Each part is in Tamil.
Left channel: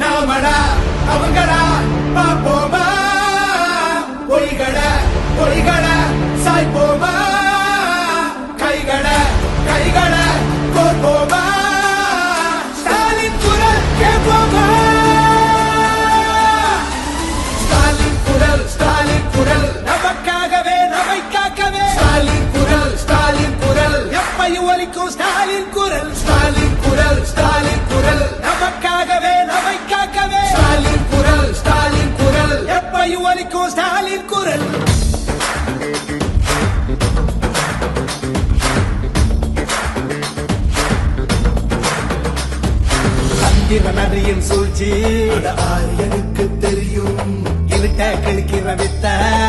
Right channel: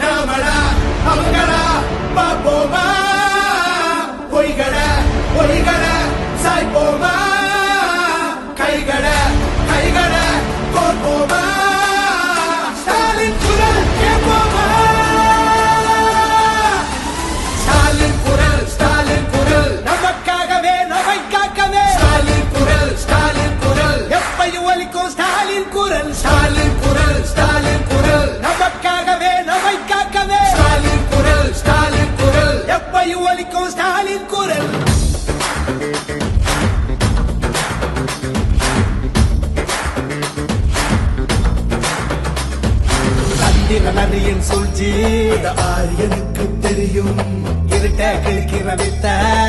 நாமடா அவங்களா பாப்போமா? பொறிகளா ஜோலிக்கும் ஸ்டாலின் குரல் சந்திரனறியும் சூழ்ச்சி. ஆரியனுக்கு தெரியும். இருட்ட கிழக்கிற வித்த.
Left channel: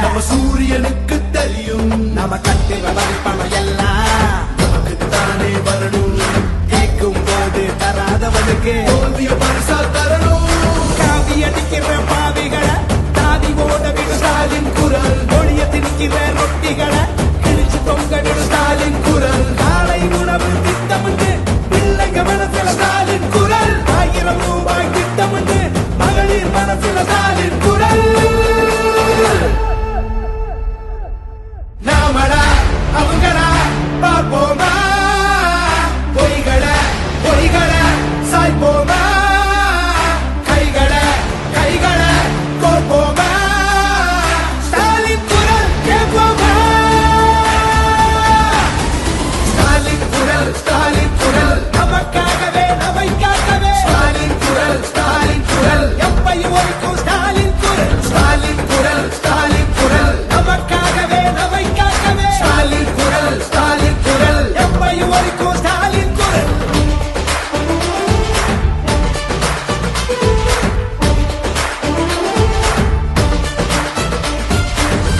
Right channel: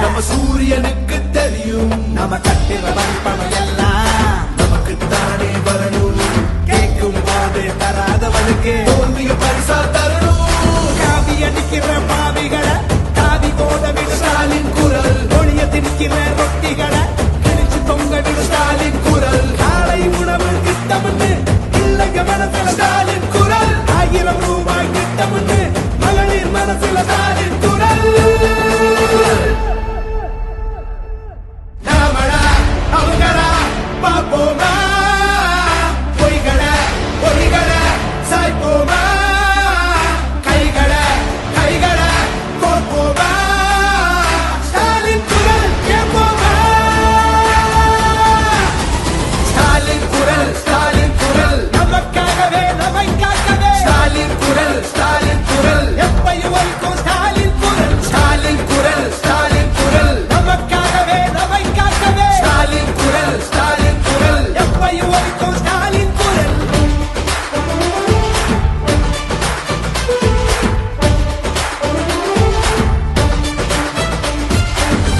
நம்ம சூரியனுக்கு தெரியும். நம்ம கட்டுற வரிப்பணம் எல்லாம் நமக்கு தானே வரணும். கேட்கும் போது தராதவனுக்கு பரிசாத்த திணிக்கிற ரொட்டிகளை கிழிச்சு தொங்கவிடும் ஸ்டாலின் குரல். காலை உணவு திட்டமிட்டு பிள்ளைங்க மனசுல ஸ்டாலின்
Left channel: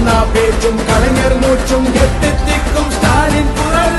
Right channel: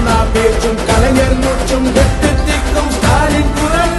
அண்ணா பேச்சும் கலைஞர் மூச்சும் எட்டு திக்கும் ஸ்டாலின் குரல்.